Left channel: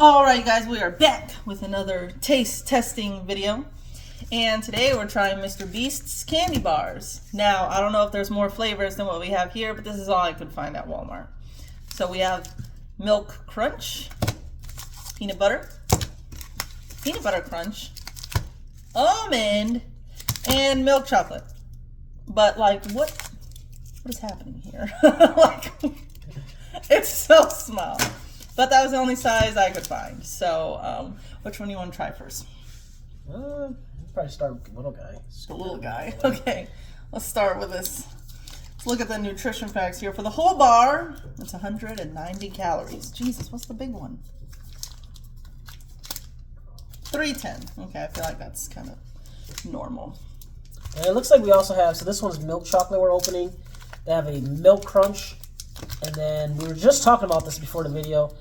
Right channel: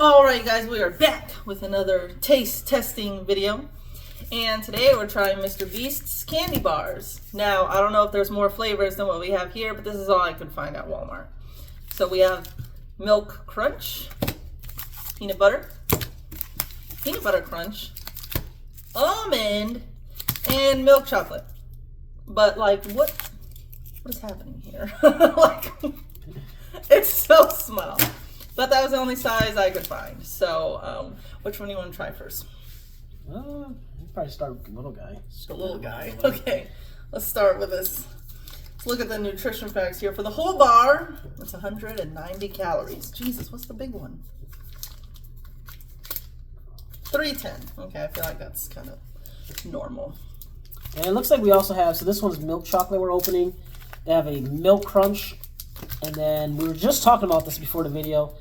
Alright you guys, we are back with another taste testing video. And today we're trying Mr. Beast's candy bars. Now, I don't know if there's more flavors than what we have here, but this is all I could find at Walmart. So we have Milk Crunch, Peanut Butter Crunch, Almond, and Milk Chocolate. But like, what is happening here? Like, it's so small. But that was the only size I could find. So, which one do you want to try first? We'll probably start with the little guy. The little guy. Okay, let's start with this. Let's look at the nutrition facts here. For the whole bar, it's 190 calories. Jesus, what's the big one? 310. Okay, I feel like that's kind of normal. And it looks like we also have, so this one's milk chocolate we're opening. They have a milk crunch. And then we were just talking about this before the video,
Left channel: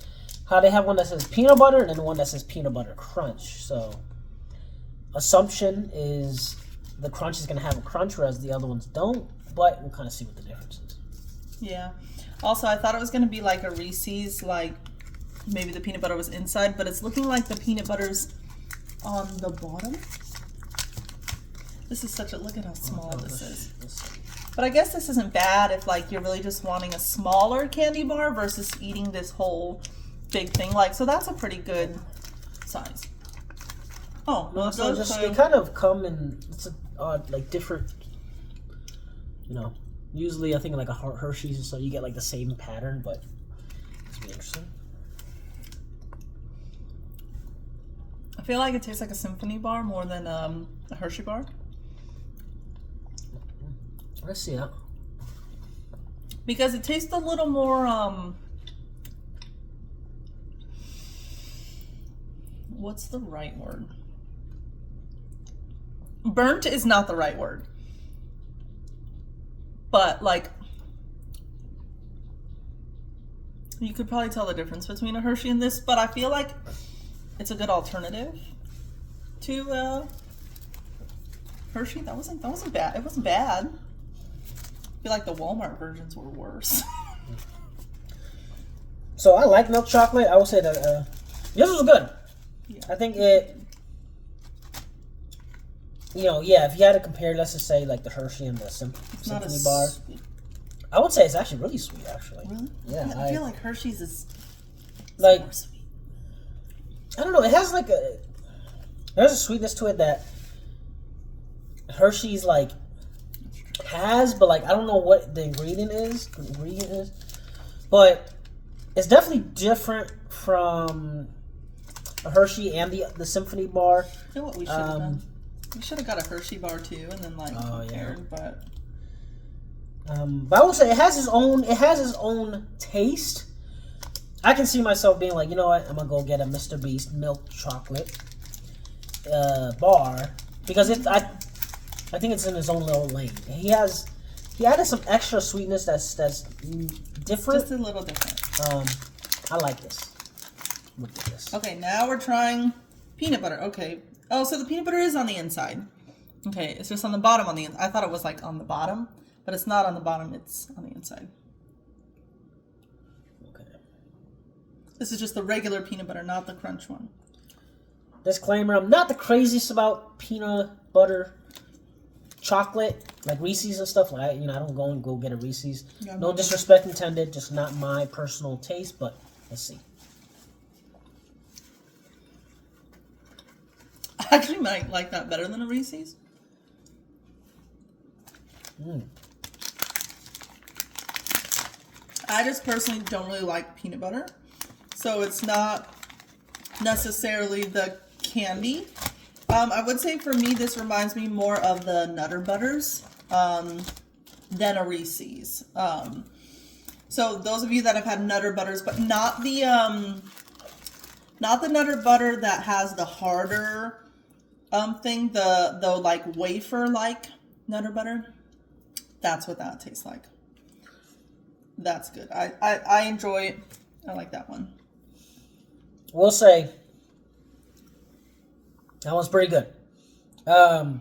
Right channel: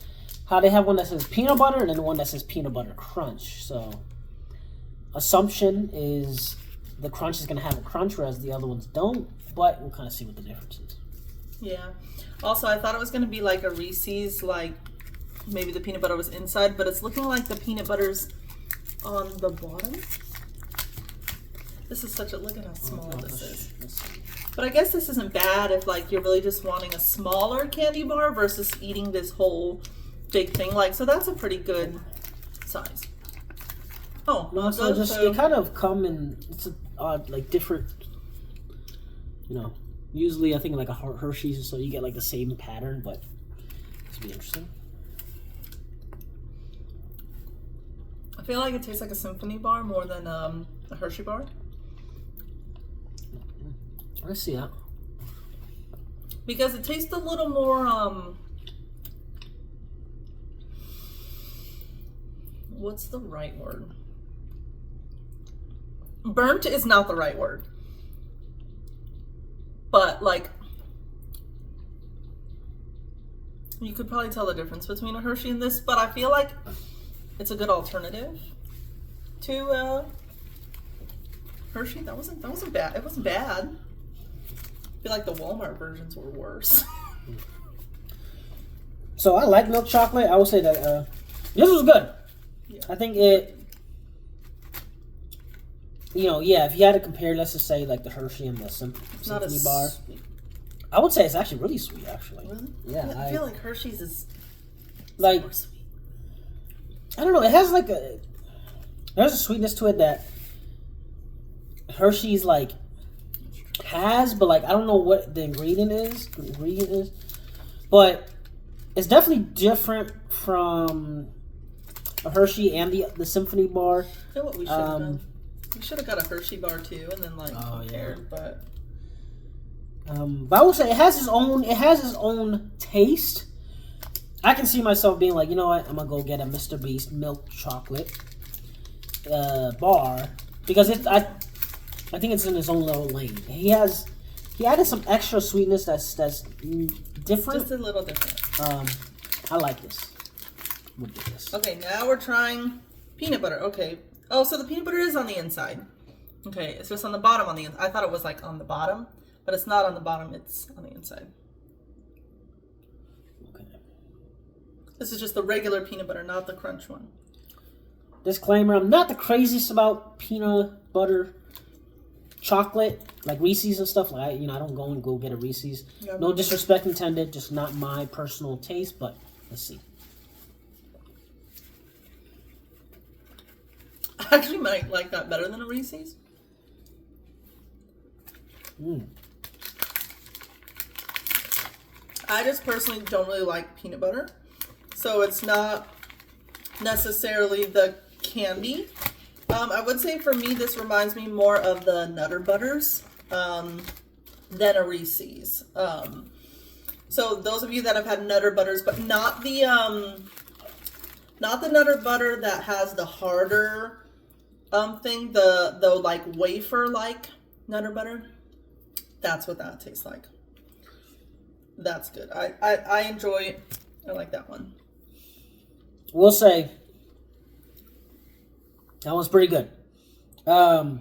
how they have one that says peanut butter and then one that says peanut butter crunch. So assumption is the crunch is going to have a crunch, whereas the other ones don't. But we'll kind of see what the difference is. Yeah. Also, I thought it was going to be like a Reese's, like maybe the peanut butter was inside, but it's looking like the peanut butter's on the bottom. This is such a, look at how small this is. But I guess this isn't bad if like you're really just wanting a smaller candy bar versus eating this whole big thing. Like, so that's a pretty good size. Oh, no, so just they kind of come in like different, you know, usually I think like a Hershey's, so you get like the same pattern, but it's be interesting. I feel like it tastes like a symphony bar more than a Hershey bar. I see that. Because it tastes a little more, what's the right word? Burnt is not the right word. But like, you could probably tell the difference between a Hershey and this, but I feel like it's a good alternative to Hershey. That wasn't bad. It wasn't bad. I feel like the Walmart versions were worse. So I like milk chocolate. I would say that this was good. Yeah. I think it, you know, yeah, if you had to compare, let's just say like the Hershey and the Symphony bar, sweet. I would say it's actually really sweet, actually. Really? Yeah, I feel like Hershey's is like, more sweet. I don't know, it has like there's a sweetness to it that Hershey's like has, but like I don't know what the ingredient is. But it's definitely different from a Hershey and the Symphony bar. I feel what we should have done. We should have got a Hershey bar too, and then like compared. Yeah. But I would say it has its own taste. I can see myself being like, you know what, I'm gonna go get a Mr. Beast milk chocolate bar because I think it's in his own little lane. He added some extra sweetness that's different. Just a little different. I like this. We'll get this. Okay, now we're trying peanut butter. Okay. Oh, so the peanut butter is on the inside. Okay, it's just on the bottom on the inside. I thought it was like on the bottom, but it's not on the bottom. It's on the inside. Okay. This is just the regular peanut butter, not the crunch one. Disclaimer: I'm not the craziest about peanut butter chocolate, like Reese's and stuff. Like I don't go get a Reese's. Yeah, no disrespect intended, just not my personal taste. But let's see. I actually might like that better than a Reese's. I just personally don't really like peanut butter, so it's not necessarily the candy. I would say for me, this reminds me more of the Nutter Butters than a Reese's. So those of you that have had Nutter Butters, but not the Nutter Butter that has the harder thing, the like wafer like Nutter Butter. That's what that tastes like. That's good. I enjoy it. I like that one. We'll say that one's pretty good. The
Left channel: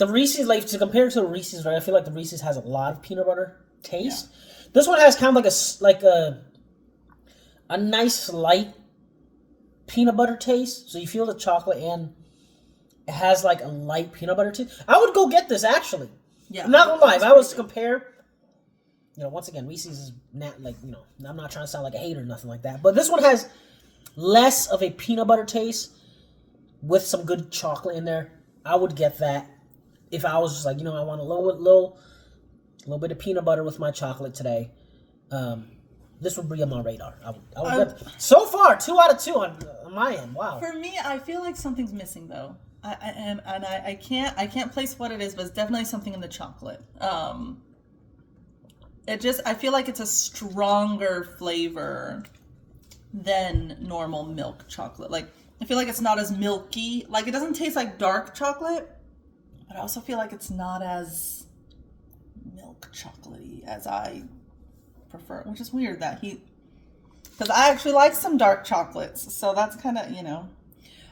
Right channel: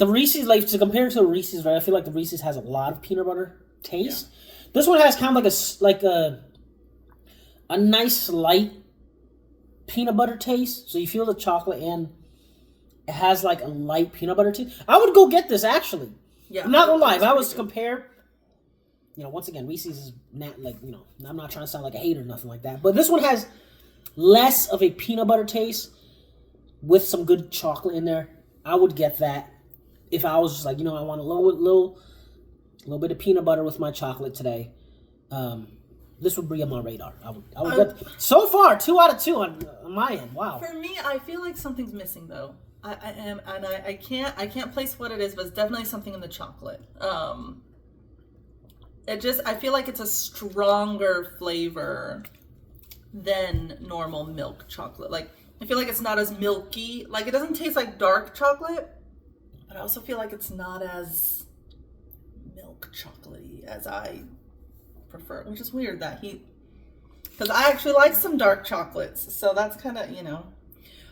Reese's, like to compare to the Reese's, right? I feel like the Reese's has a lot of peanut butter taste. Yeah. This one has kind of like a nice light peanut butter taste. So you feel the chocolate and it has like a light peanut butter taste. I would go get this actually. Yeah. I'm not gonna lie. If I was to compare, you know, once again, Reese's is not like, you know, I'm not trying to sound like a hater or nothing like that. But this one has less of a peanut butter taste with some good chocolate in there. I would get that if I was just like, you know, I want a little bit of peanut butter with my chocolate today. This would be on my radar. I would get. So far, 2 out of 2 on my end. Wow. For me, I feel like something's missing though. I can't place what it is, but it's definitely something in the chocolate. I feel like it's a stronger flavor than normal milk chocolate. Like, I feel like it's not as milky. Like, it doesn't taste like dark chocolate, but I also feel like it's not as milk chocolatey as I prefer, which is weird that because I actually like some dark chocolates, so that's kind of, you know.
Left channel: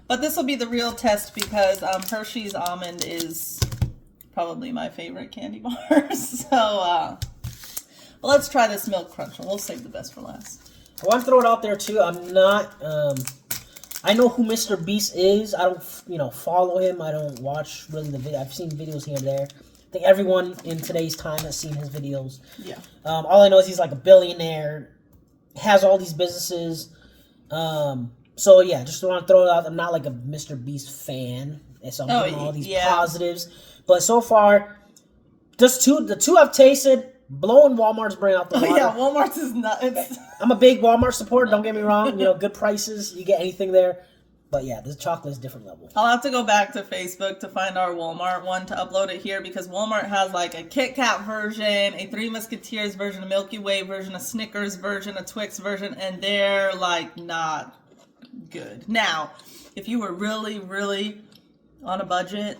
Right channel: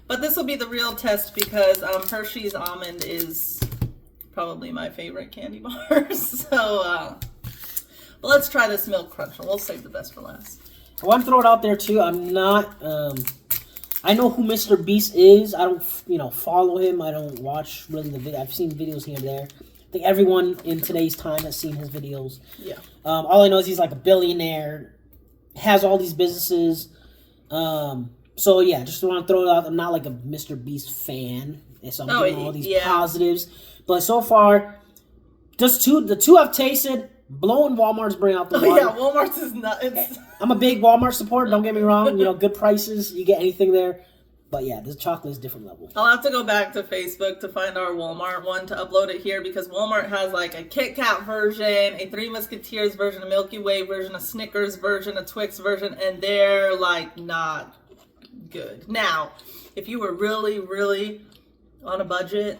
But this will be the real test because Hershey's Almond is probably my favorite candy bar. So, but let's try this Milk Crunch one. We'll save the best for last. I want to throw it out there too. I'm not. I know who Mr. Beast is. I don't, you know, follow him. I don't watch really the video. I've seen videos here and there. I think everyone in today's time has seen his videos. Yeah. All I know is he's like a billionaire, has all these businesses. So yeah, just want to throw it out. I'm not like a Mr. Beast fan, so I'm getting all these positives. But so far, the two I've tasted, blowing Walmart's brain out the water. Yeah, Walmart's is not. I'm a big Walmart supporter. Don't get me wrong. You know, good prices. You get anything there. But yeah, this chocolate is different level. I'll have to go back to Facebook to find our Walmart one to upload it here because Walmart has like a Kit Kat version, a Three Musketeers version, a Milky Way version, a Snickers version, a Twix version, and they're like not good. Now, if you were really, really on a budget,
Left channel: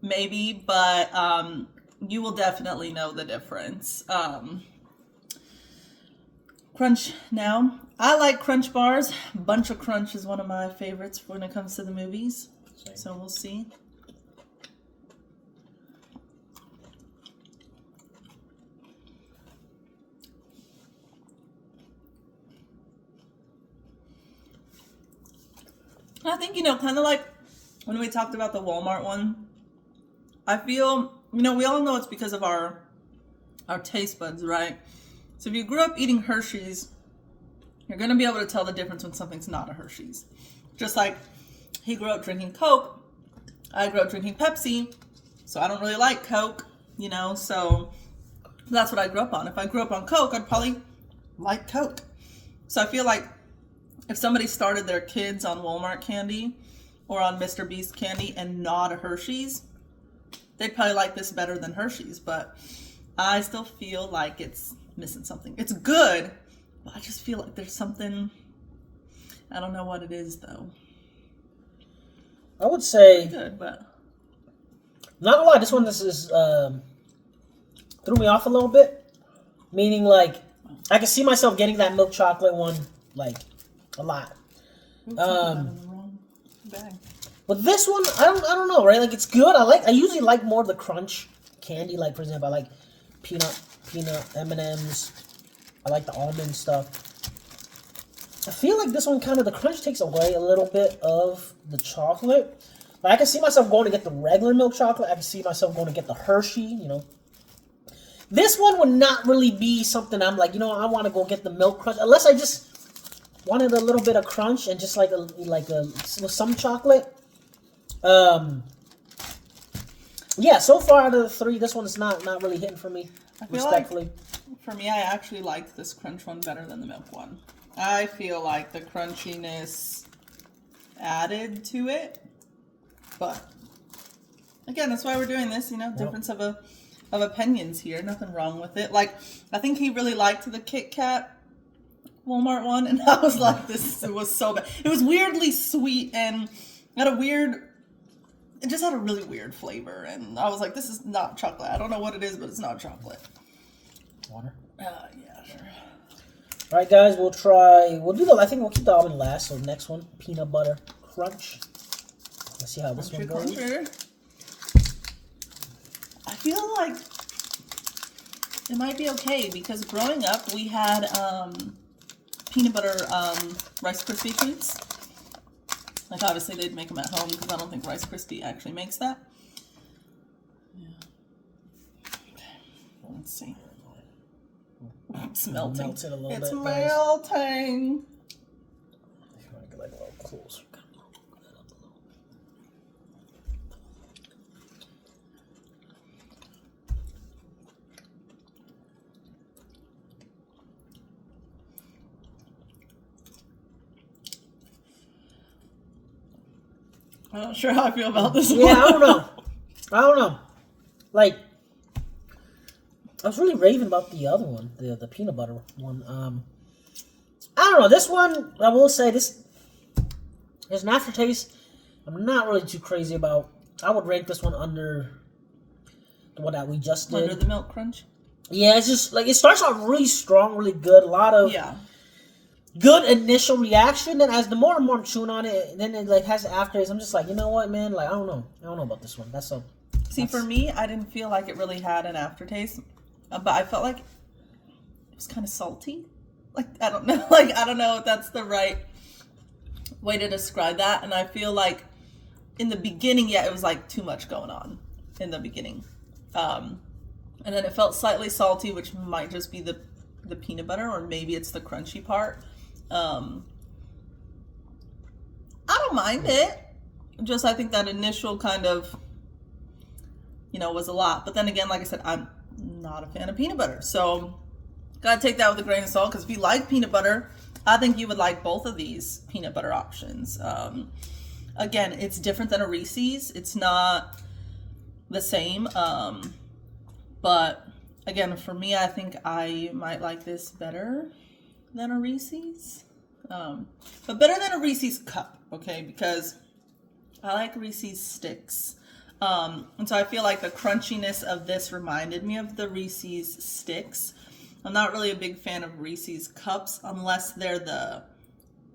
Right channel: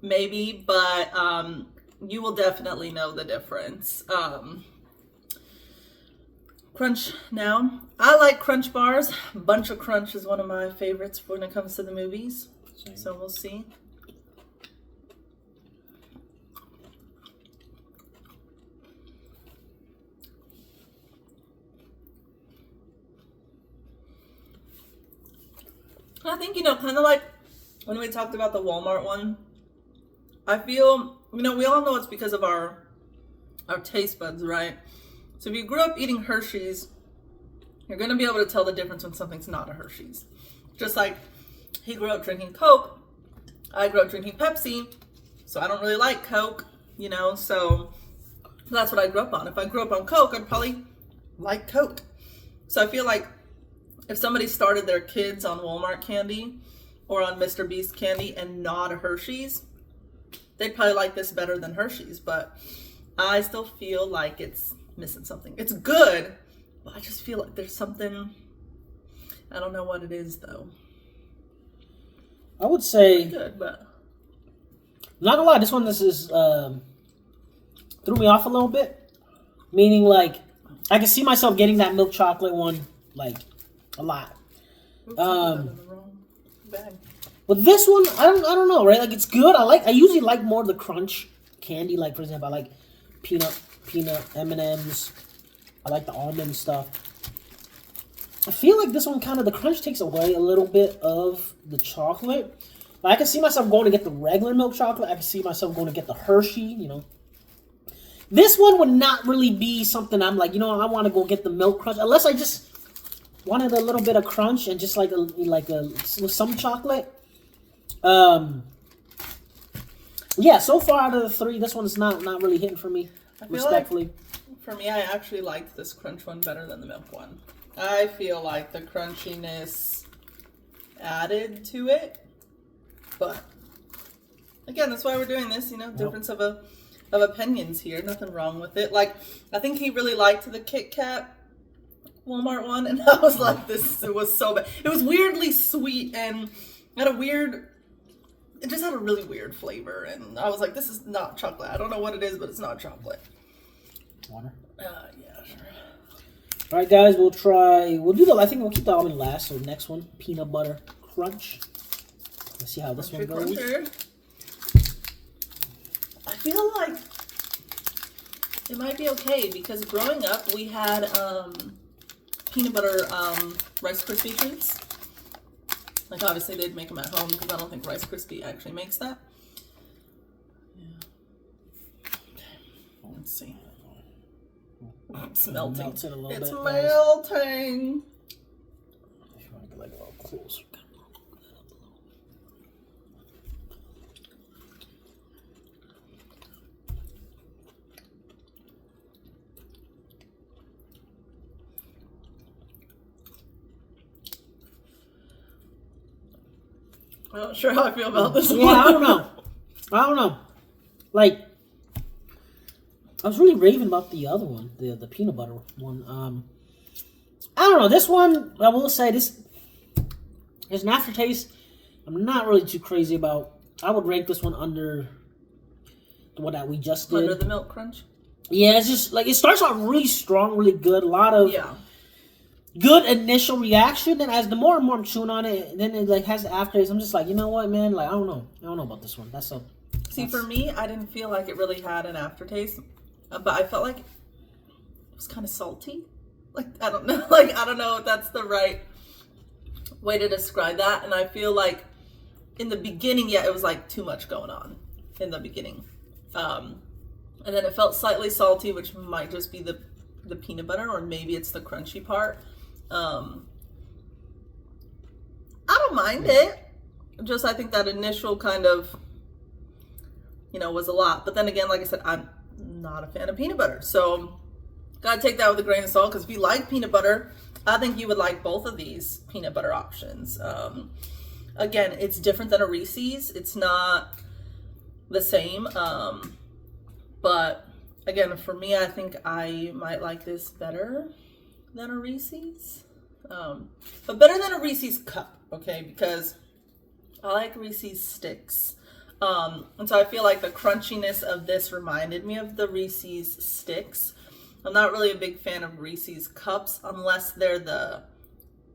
maybe, but you will definitely know the difference. Crunch now. I like Crunch bars. Bunch of Crunch is one of my favorites when it comes to the movies. Same. So we'll see. I think, you know, kind of like when we talked about the Walmart one, I feel, you know, we all know it's because of our taste buds, right? So if you grew up eating Hershey's, you're going to be able to tell the difference when something's not a Hershey's. Just like he grew up drinking Coke, I grew up drinking Pepsi, so I don't really like Coke, you know, so that's what I grew up on. If I grew up on Coke, I'd probably like Coke. So I feel like if somebody started their kids on Walmart candy or on Mr. Beast candy and not a Hershey's, they'd probably like this better than Hershey's, but I still feel like it's missing something. It's good, but I just feel like there's something, I don't know what it is though. I would say good, but not gonna lie, this one threw me off a little bit. Meaning like I can see myself getting that milk chocolate one like a lot. But this one, I don't know, right? Like it's good. I usually like more of the crunch candy. Like for example, I like peanut M&Ms. I like the almond stuff. I feel like this one kind of, the crunch takes away a little bit of the chocolate. But I can see myself going to get the regular milk chocolate. I can see myself going to get the Hershey, you know. This one would not really be something I'm like, you know, I want to go get the milk crunch. Unless I just wanted a little bit of crunch and just with some chocolate. Yeah, so far out of the three, this one's not really hitting for me. Respectfully. Like, for me, I actually liked this crunch one better than the milk one. I feel like the crunchiness added to it, but again, that's why we're doing this. You know, difference of opinions here. Nothing wrong with it. Like, I think he really liked the Kit Kat Walmart one, and I was like, it was so bad. It was weirdly sweet and had it just had a really weird flavor, and I was like, this is not chocolate. I don't know what it is, but it's not chocolate. Water? Yeah, sure. All right, guys, I think we'll keep the almond last. So next one, peanut butter crunch. Let's see how this one goes. Cruncher. I feel like it might be okay because growing up we had peanut butter Rice Krispie treats. Like obviously they'd make them at home because I don't think Rice Krispie actually makes that. Yeah. Okay. Let's see. It's melting. Melted a little it's bit, melting. If you want to get like a little closer. I'm not sure how I feel about this Yeah, one. I don't know. Like, I was really raving about the other one, the peanut butter one. I don't know. This one, I will say, there's an aftertaste I'm not really too crazy about. I would rank this one under the one that we just did. Under the Milk Crunch? Yeah, it's just, like, it starts off really strong, really good. A lot of good initial reaction. And as the more and more I'm chewing on it, then it, like, has the aftertaste. I'm just like, you know what, man? Like, I don't know about this one. See, for me, I didn't feel like it really had an aftertaste. But I felt like it was kind of salty. Like, I don't know. Like, I don't know if that's the right way to describe that. And I feel like in the beginning, it was like too much going on in the beginning. And then it felt slightly salty, which might just be the peanut butter, or maybe it's the crunchy part. I don't mind it. Just, I think that initial kind of, was a lot. But then again, like I said, I'm not a fan of peanut butter. So, gotta take that with a grain of salt, because if you like peanut butter, I think you would like both of these peanut butter options. Again, it's different than a Reese's. It's not the same. But again, for me, I think I might like this better than a Reese's. But better than a Reese's cup, okay? Because I like Reese's sticks. And so I feel like the crunchiness of this reminded me of the Reese's sticks. I'm not really a big fan of Reese's cups unless they're the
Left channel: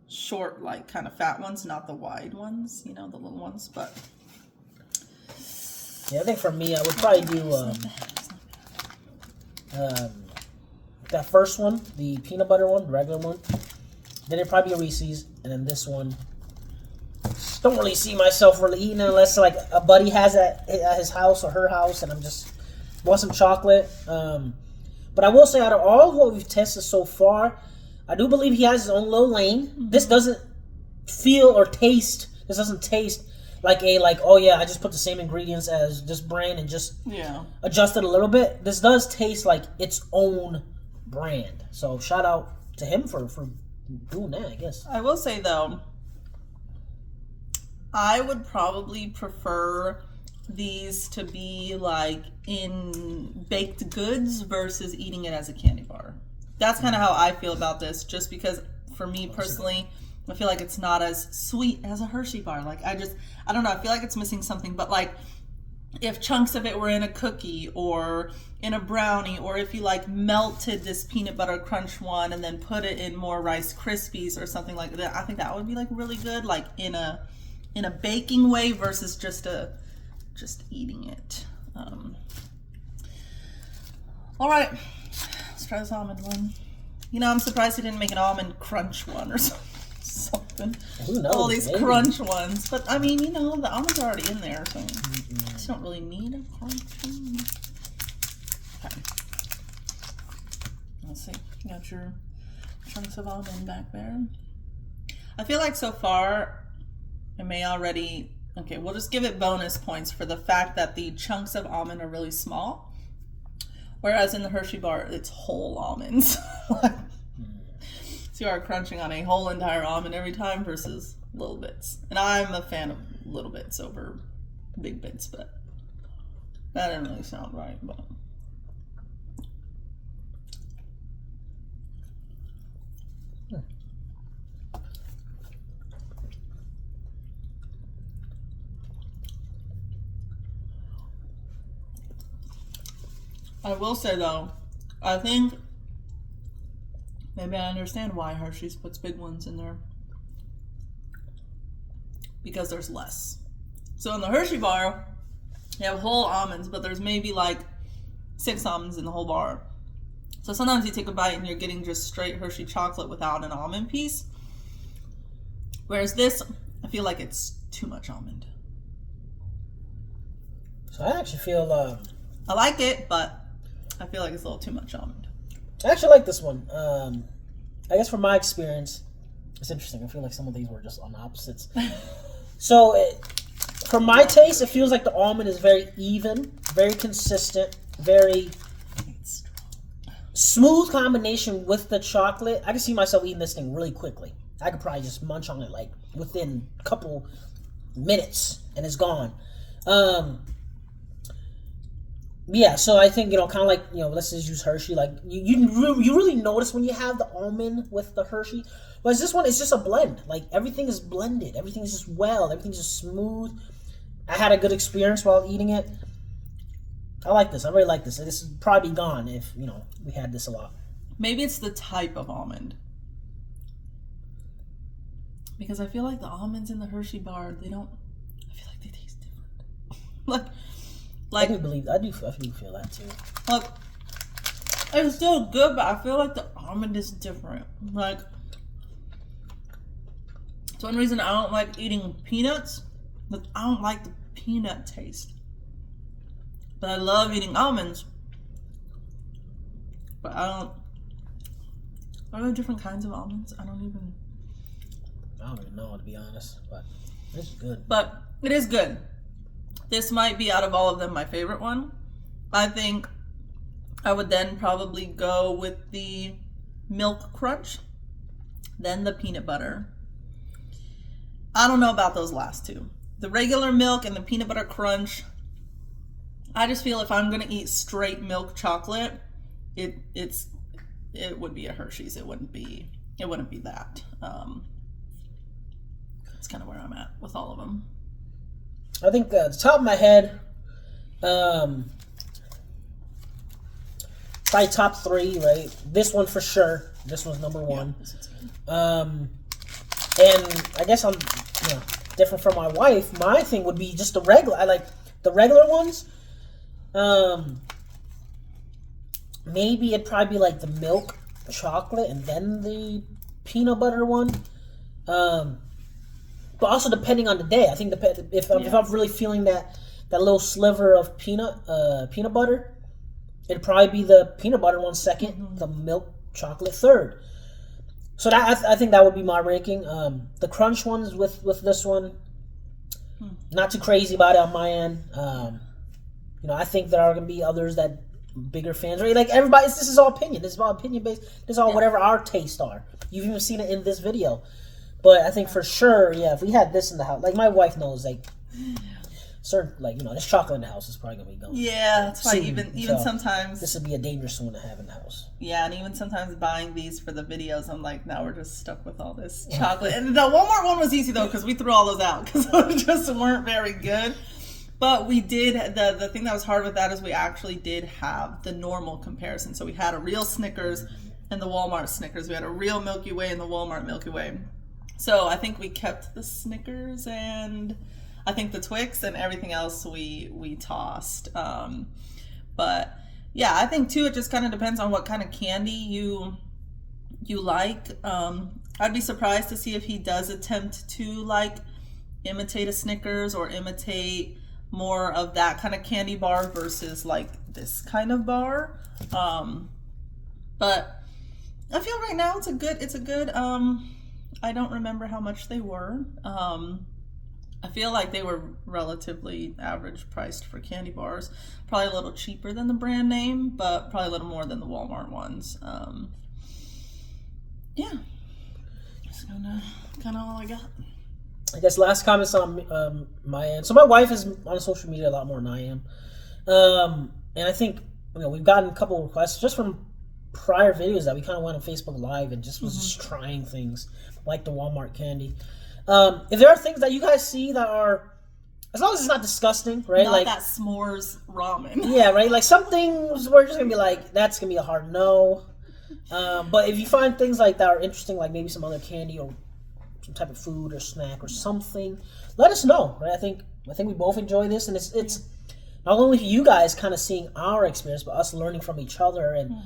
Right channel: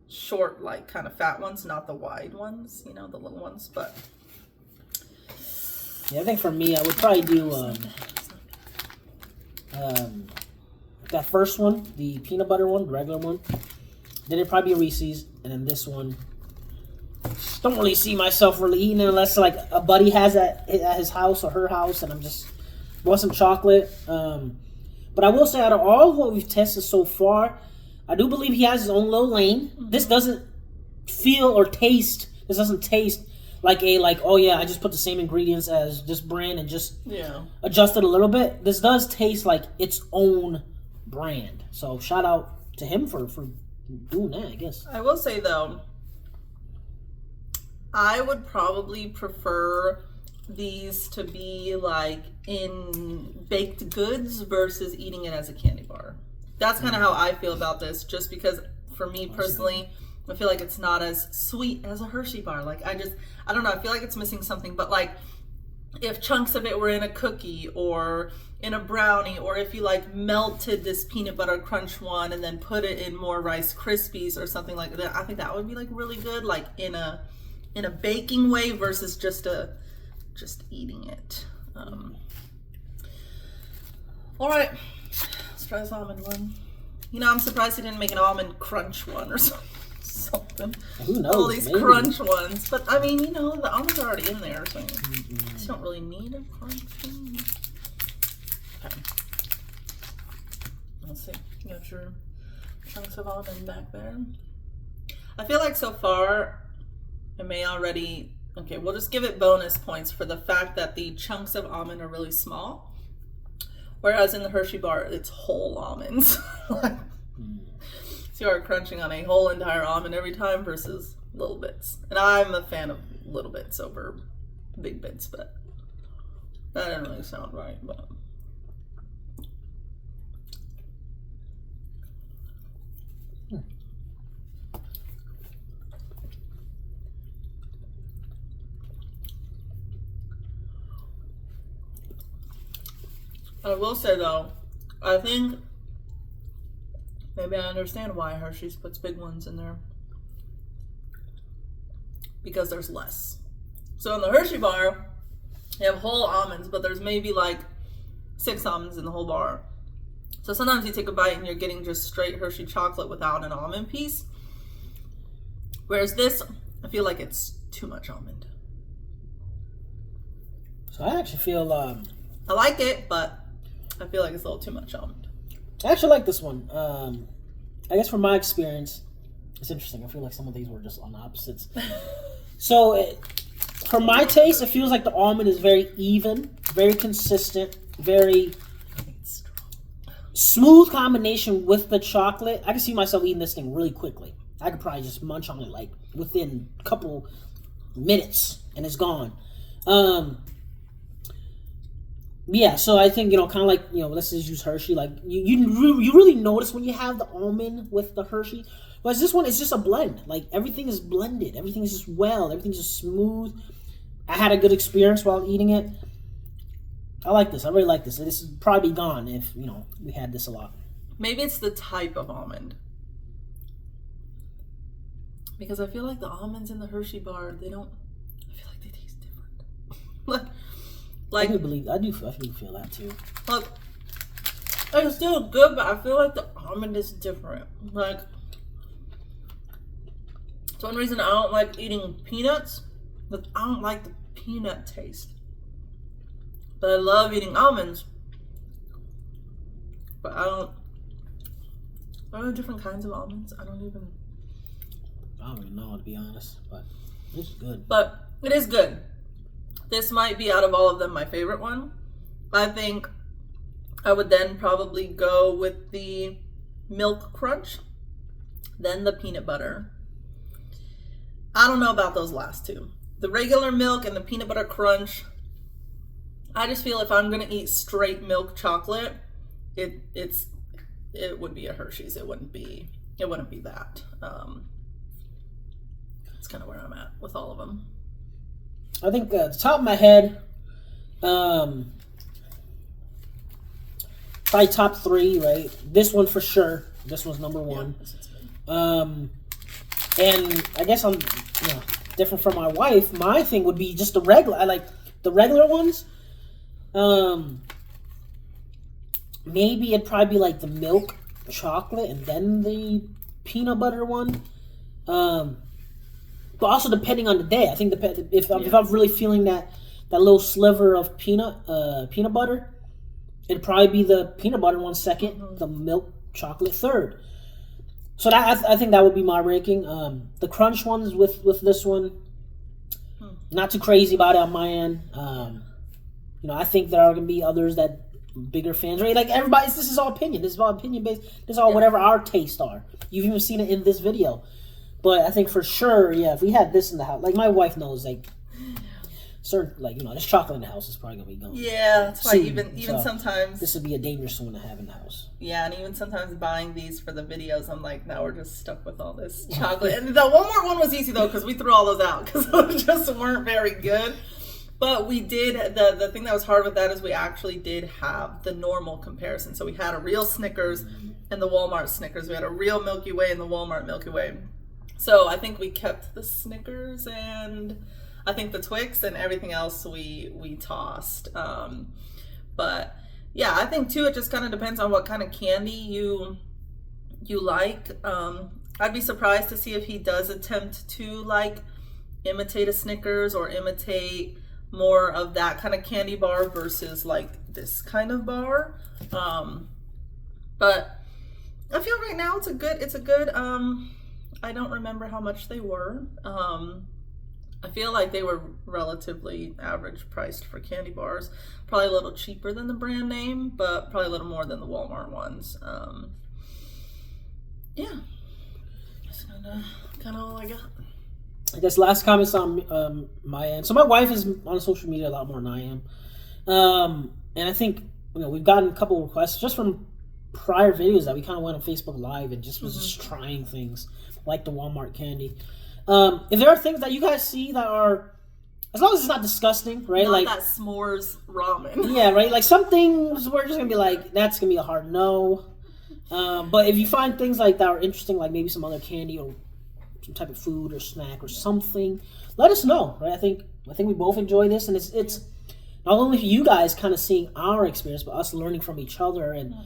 short, like, kind of fat ones, not the wide ones, the little ones. But yeah, I think for me, I would probably do that first one, the peanut butter one, the regular one. Then it'd probably be a Reese's, and then this one. Don't really see myself really eating it unless like a buddy has it at his house or her house, and I'm just want some chocolate. But I will say, out of all of what we've tested so far, I do believe he has his own little lane. Mm-hmm. This doesn't feel or taste. This doesn't taste like oh yeah, I just put the same ingredients as this brand and just adjusted a little bit. This does taste like its own brand. So shout out to him for doing that, I guess. I will say though, I would probably prefer these to be like in baked goods versus eating it as a candy bar. That's kind of how I feel about this, just because for me personally, I feel like it's not as sweet as a Hershey bar. Like I don't know, I feel like it's missing something. But like if chunks of it were in a cookie or in a brownie, or if you like melted this peanut butter crunch one and then put it in more Rice Krispies or something like that, I think that would be like really good, like in a baking way versus just eating it. All right, let's try this almond one. I'm surprised he didn't make an almond crunch one or something. Who knows? All these crunch ones, but I mean, the almonds are already in there, so you just don't really need a crunch one. Okay. Let's see. You got your chunks of almond back there. I feel like so far, I may already. Okay, we'll just give it bonus points for the fact that the chunks of almond are really small. Whereas in the Hershey bar, it's whole almonds. So you are crunching on a whole entire almond every time versus little bits. And I'm a fan of little bits over big bits, but that didn't really sound right. But I will say though, I think maybe I understand why Hershey's puts big ones in there. Because there's less. So in the Hershey bar, you have whole almonds, but there's maybe like 6 almonds in the whole bar. So sometimes you take a bite and you're getting just straight Hershey chocolate without an almond piece. Whereas this, I feel like it's too much almond. So I actually feel I like it, but I feel like it's a little too much almond. I actually like this one. I guess from my experience, it's interesting. I feel like some of these were just on opposites. So for my taste, it feels like the almond is very even, very consistent, very smooth combination with the chocolate. I can see myself eating this thing really quickly. I could probably just munch on it like within a couple minutes and it's gone. Yeah, so I think, kind of like, let's just use Hershey. Like, you really notice when you have the almond with the Hershey. Whereas this one is just a blend. Like, everything is blended. Everything is just everything's just smooth. I had a good experience while eating it. I like this. I really like this. This would probably be gone if, we had this a lot. Maybe it's the type of almond. Because I feel like the almonds in the Hershey bar, I feel like they taste different. Like, I do feel that too. Look, it's still good, but I feel like the almond is different. Like, it's one reason I don't like eating peanuts. But I don't like the peanut taste. But I love eating almonds. But are there different kinds of almonds? I don't even know, to be honest. But it's good. But it is good. This might be, out of all of them, my favorite one. I think I would then probably go with the milk crunch, then the peanut butter. I don't know about those last two. The regular milk and the peanut butter crunch, I just feel if I'm gonna eat straight milk chocolate, it would be a Hershey's. It wouldn't be that. That's kind of where I'm at with all of them. I think the top of my head, probably top three, right? This one for sure. This one's number one. Yeah, and I guess I'm, different from my wife. My thing would be just the regular. I like the regular ones. Maybe it'd probably be like the milk chocolate and then the peanut butter one. But also depending on the day. I think if I'm really feeling that little sliver of peanut butter, it'd probably be the peanut butter one second, the milk chocolate third. So I think that would be my ranking. The crunch ones with this one, not too crazy about it on my end. I think there are gonna be others that bigger fans, right? Like everybody, this is all opinion. This is all opinion based. This is all whatever our tastes are. You've even seen it in this video. But I think for sure, if we had this in the house, like my wife knows, like certain, this chocolate in the house is probably gonna be gone. Yeah, that's why even so sometimes this would be a dangerous one to have in the house. Yeah, and even sometimes buying these for the videos, I'm like, now we're just stuck with all this chocolate. And the Walmart one was easy though, because we threw all those out because those just weren't very good. But we did, the thing that was hard with that is we actually did have the normal comparison. So we had a real Snickers and the Walmart Snickers. We had a real Milky Way and the Walmart Milky Way. So I think we kept the Snickers and I think the Twix, and everything else we tossed. But yeah, I think too, it just kind of depends on what kind of candy you like. I'd be surprised to see if he does attempt to imitate a Snickers or imitate more of that kind of candy bar versus this kind of bar. But I feel right now it's a good I don't remember how much they were. I feel like they were relatively average priced for candy bars. Probably a little cheaper than the brand name, but probably a little more than the Walmart ones. Yeah. That's kind of all I got. I guess last comments on my end. So my wife is on social media a lot more than I am. And I think, we've gotten a couple of requests just from prior videos that we kind of went on Facebook Live and just was just trying things like the Walmart candy. If there are things that you guys see that are, as long as it's not disgusting, right? Not that s'mores ramen. Yeah, right? Like some things we're just going to be like, that's going to be a hard no. But if you find things like that are interesting, like maybe some other candy or some type of food or snack or something, let us know, right? I think we both enjoy this, and it's not only you guys kind of seeing our experience, but us learning from each other and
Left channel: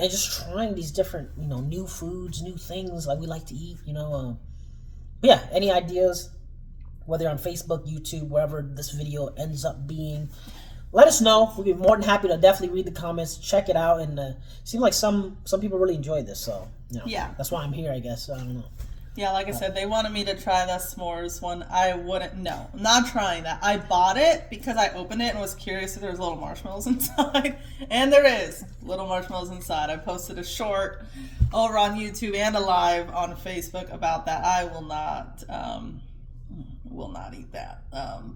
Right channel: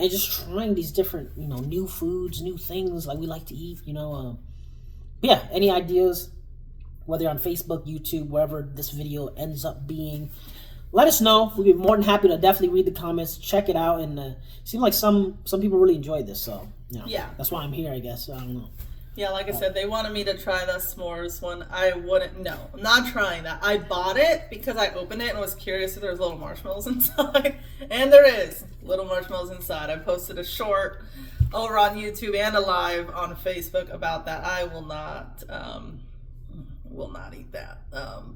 and just trying these different, new foods, new things like we like to eat, But yeah, any ideas, whether on Facebook, YouTube, wherever this video ends up being, let us know. We'd be more than happy to definitely read the comments, check it out, and it seems like some people really enjoyed this, so yeah, that's why I'm here, I guess. I don't know. Yeah, like I said, they wanted me to try the s'mores one. I wouldn't. No, I'm not trying that. I bought it because I opened it and was curious if there was little marshmallows inside, and there is little marshmallows inside. I posted a short over on YouTube and a live on Facebook about that. I will not eat that.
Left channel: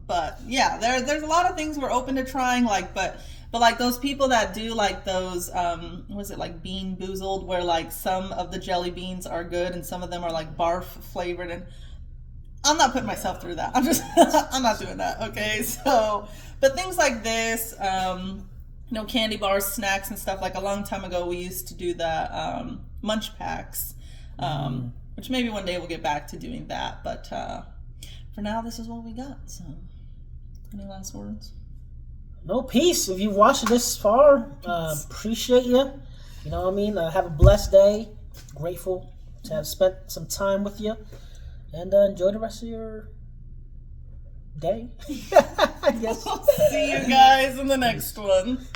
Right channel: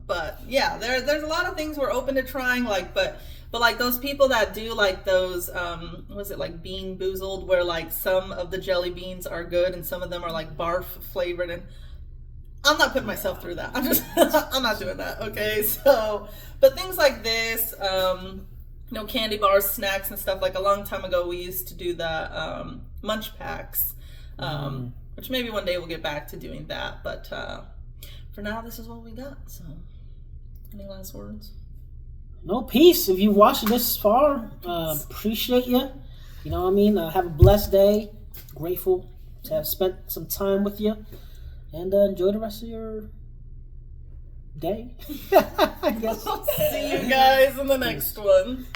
But yeah, there's a lot of things we're open to trying. But like those people that do like those, was it like Bean Boozled, where like some of the jelly beans are good and some of them are like barf flavored, and I'm not putting myself through that. I'm not doing that. Okay, so but things like this, candy bars, snacks, and stuff. Like a long time ago, we used to do the munch packs, which maybe one day we'll get back to doing that. But for now, this is what we got. So, any last words? No, peace. If you've watched this far, appreciate you. You know what I mean? Have a blessed day. Grateful to have spent some time with you. And enjoy the rest of your day. I guess. See you guys in the next one.